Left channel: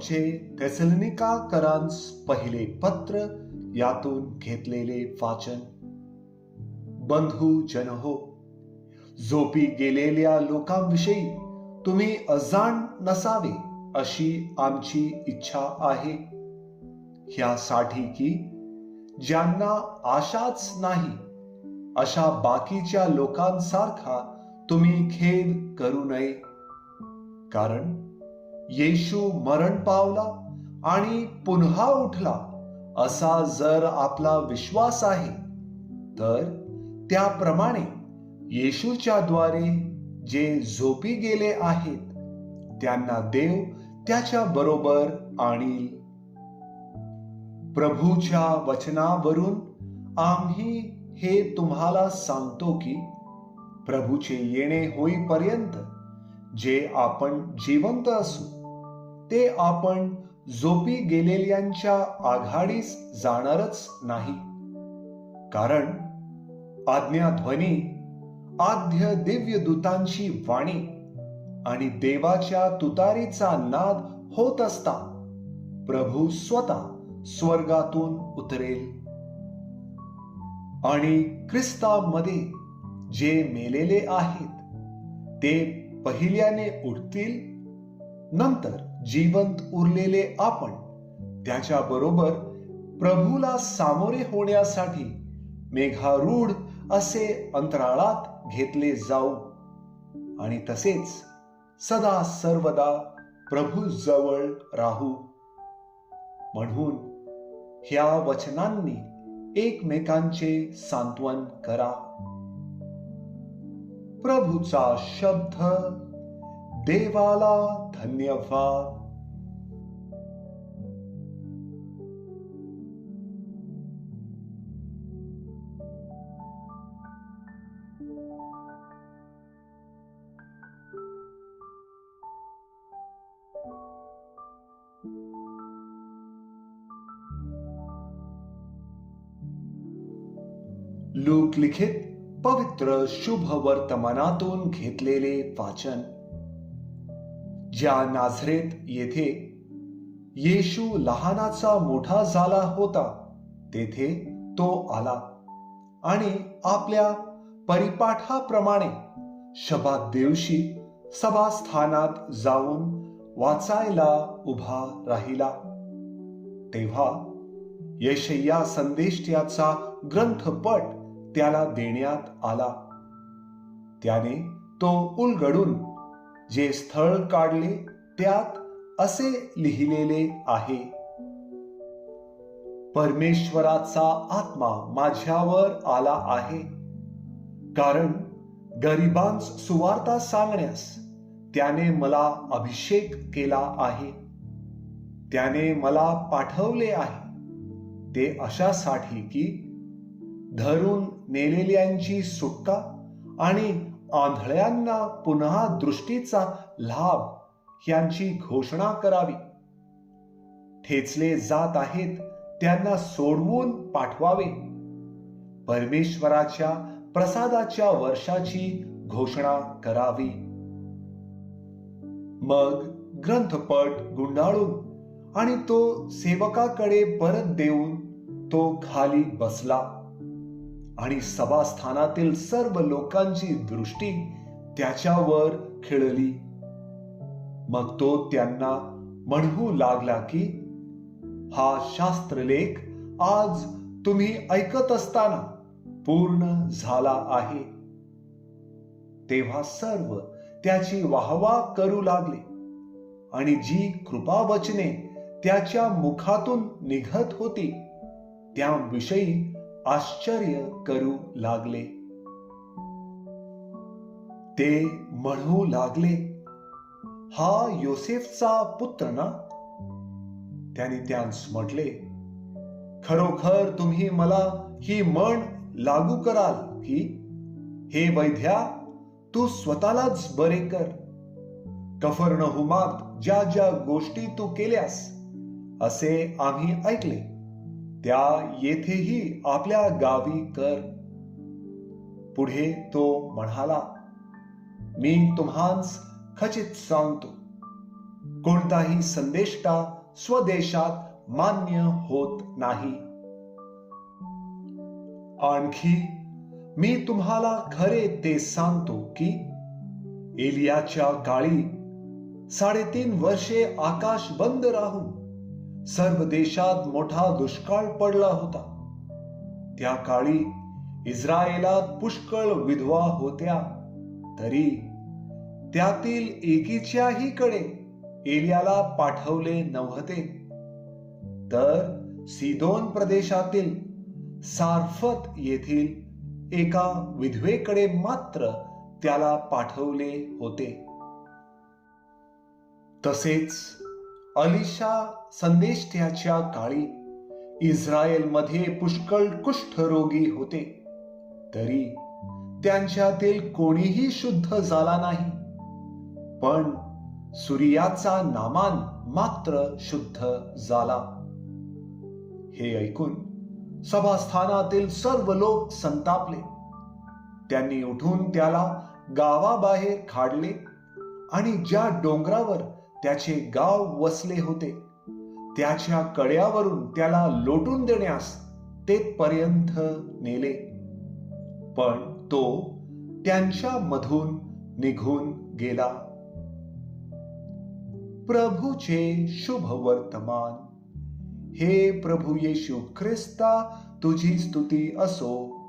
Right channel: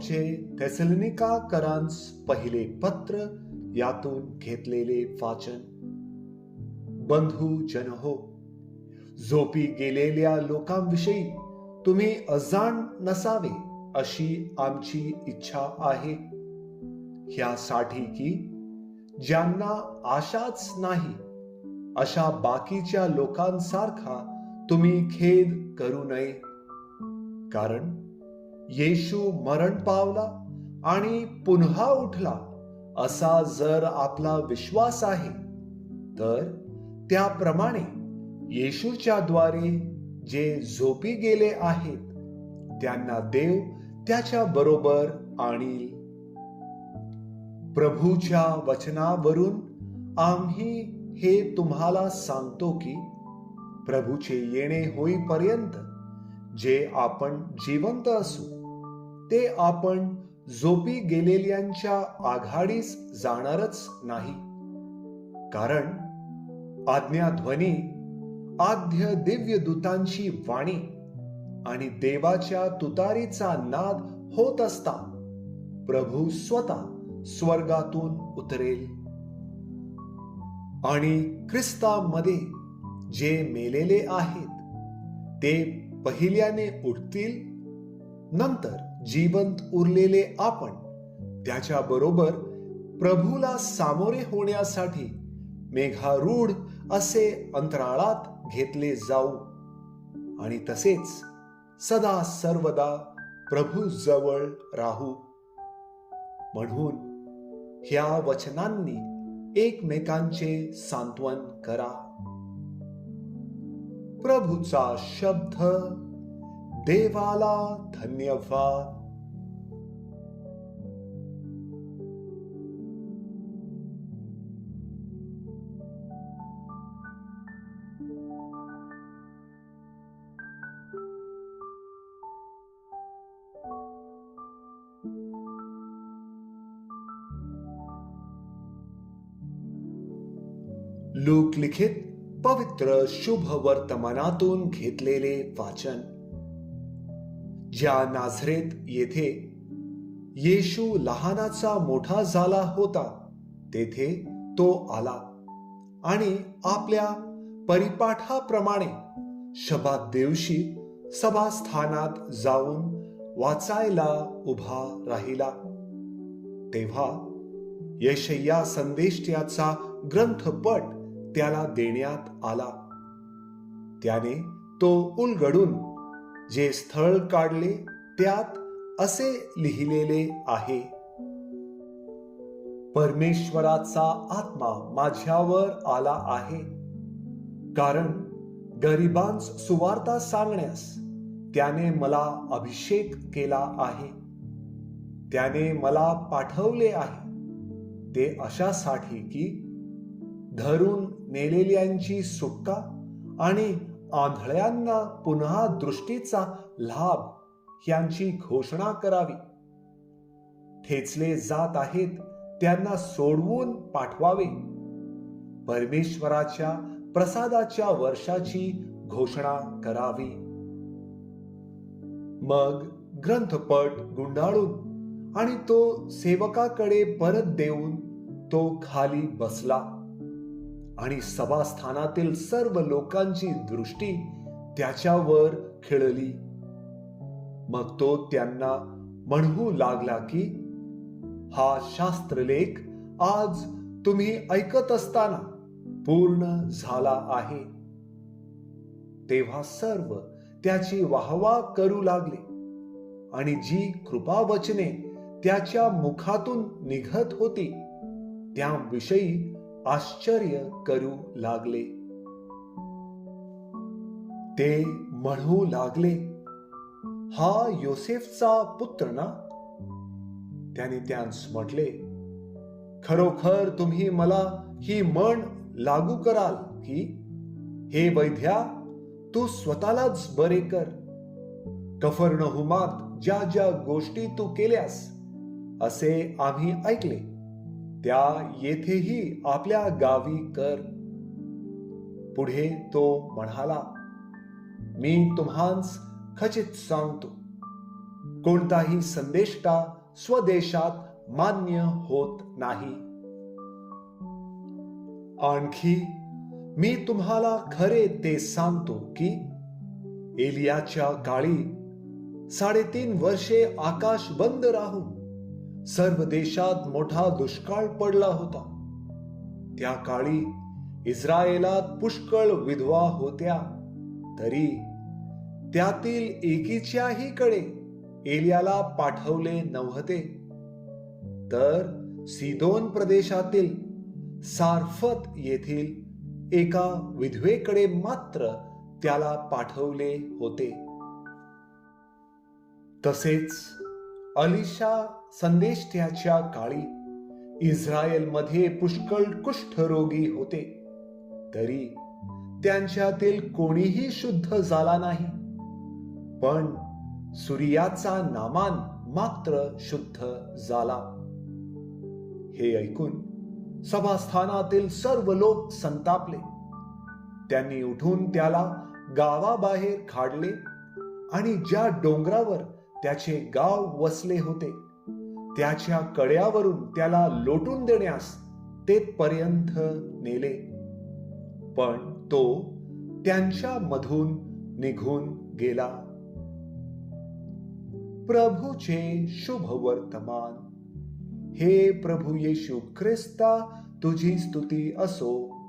पौलचे थेसलनिका करांस पहिले पत्र यातून घेतलेले वाचन. बंधू जन हो झोपी गेलेल्या लोकांविषयी तुम्ही अजाण नसावे अशी आमची इच्छा आहे. ह्यासाठी की ज्यांना आशाच नाही अशा बाकीच्या लोकांसारखा तुम्ही खेद करू नये. कारण येशू मरण पावला आणि पुन्हा उठला असा जर आपला विश्वास आहे तर त्याप्रमाणे येशूच्या द्वारे जे झोपी गेले आहेत त्यांना देव त्याच्या बरोबर आणि प्रभूच्या वचनावरून आम्ही हे तुम्हाला सांगतो की प्रभूचे येणे होईपर्यंत जे आपण जिवंत असू ते आपण झोपी गेलेल्यांच्या आघाडीस जाणारच नाही. कारण आज्ञाध्वनी आद्य दिव्य दूतांची वाणी आणि देवाच्या तुतारीचा नाद होत असता प्रभू स्वतः स्वर्गातून उतरेल. आणि ख्रिस्तामध्ये जे मेलेले आहेत ते पहिल्याने उठतील नंतर जिवंत उरलेले आपण त्याच्या बरोबर प्रभूला सामोरे होण्यासाठी मेघारूढ असे अंतराळात घेतले जाऊ. आणि तसेच सदा सर्वदा प्रभू जवळ राहू. म्हणून ह्या वचनांनी एकमेकांचे सांत्वन करा. प्रभूचा शब्द देवाला धन्यवाद लोकलिखित पवित्र शुभ वर्तमानातून घेतलेले वाचन ज्या नाझरेत येथे येशू लहानाचा मोठा झाला होता तेथे तो आला आणि आपल्या परिपाठाप्रमाणे शबात दिवशी सभास्थानात जाऊन वाचायला उभा राहिला. तेव्हा यशय्या संदेष्ट्याचा ग्रंथपट त्याला देण्यात आला. त्याने तो उलगडून जे स्थळ काढले त्यात असे लिहिलेले आहे. परमेश्वराचा आत्मा माझ्यावर आला आहे. कारण गरिबांस सुवार्ता सांगण्यास त्याने मला अभिषेक केला आहे. त्याने मला पाठवले आहे. ते अशासाठी की धरून नेलेल्यांची सुटका आणि आंधळ्यांना पुन्हा दृष्टीचा लाभ यांची घोषणा करावी. ठेचले जात आहेत त्यांना सोडवून पाठवावे. परमेश्वराच्या प्रसादाच्या वर्षाची घोषणा करावी. मग ग्रंथपट गुंडाळून आणि तो सेवकाकडे परत देऊन तो खाली बसला. आणि सभास्थानातील सर्व लोकांची दृष्टी त्याच्यावर खिळली. मग तो त्यांना म्हणू लागला की हा शास्त्रलेख आज तुम्ही ऐकत असताना पूर्ण झाला आहे. तेव्हा सर्व त्याची वाहवा करू लागले आणि जी कृपावचने त्याच्या मुखातून निघत होती त्याविषयी आश्चर्य करू लागले. ते म्हणू लागले. हा योसेफचा पुत्र ना? त्याने त्यांस म्हटले खरोखर तुम्ही मला ही म्हण लागू कराल की? हे वैद्या तू स्वतःलाच बरे कर. कफरनहुमात ज्या ज्या गोष्टी तू केल्यास असे आम्ही ऐकले. त्या येथेही आपल्या गावी कर. पुढे तो म्हणाला मी तुम्हास खचित सांगतो कोणताही संदेष्टा स्वदेशात मान्य होत नाही. आणखी मी तुम्हाला खरे ते सांगतो की एलियाच्या काळी साडेतीन वर्षे आकाश बंद राहून सर्व देशात मोठा दुष्काळ पडला होता. त्या काळी इस्रायलात पुष्कळ विधवा होत्या. तरी त्यातील एकीच्याही कडे एलियाला पाठवले नव्हते. तर सिदोन प्रदेशातील सारफत येथील एका विधवेकडे मात्र त्याला पाठवले होते. तसेच अलिशा संदेष्ट्याच्या काळी इस्रायलमध्ये पुष्कळ कुष्ठरोगी होते. तरी त्यांच्यातील कोणीही शुद्ध झाला नाही. पण सूर्याचा नामान मात्र शुद्ध झाला. हे ऐकून सभास्थानातील सर्व लोक संतापले. त्यांनी उठून त्याला गावाबाहेर काढले आणि ज्या डोंगरावर त्याचे गाव वसले होते. त्याच्या कड्यावरून त्याला लोटून देण्यास तेथपर्यंत नेले. पण तो त्यांच्या मधून निघून गेला. प्रभूचे शुभ वर्तमान. हे प्रभू येशू ख्रिस्ता तुझी स्तुती असो.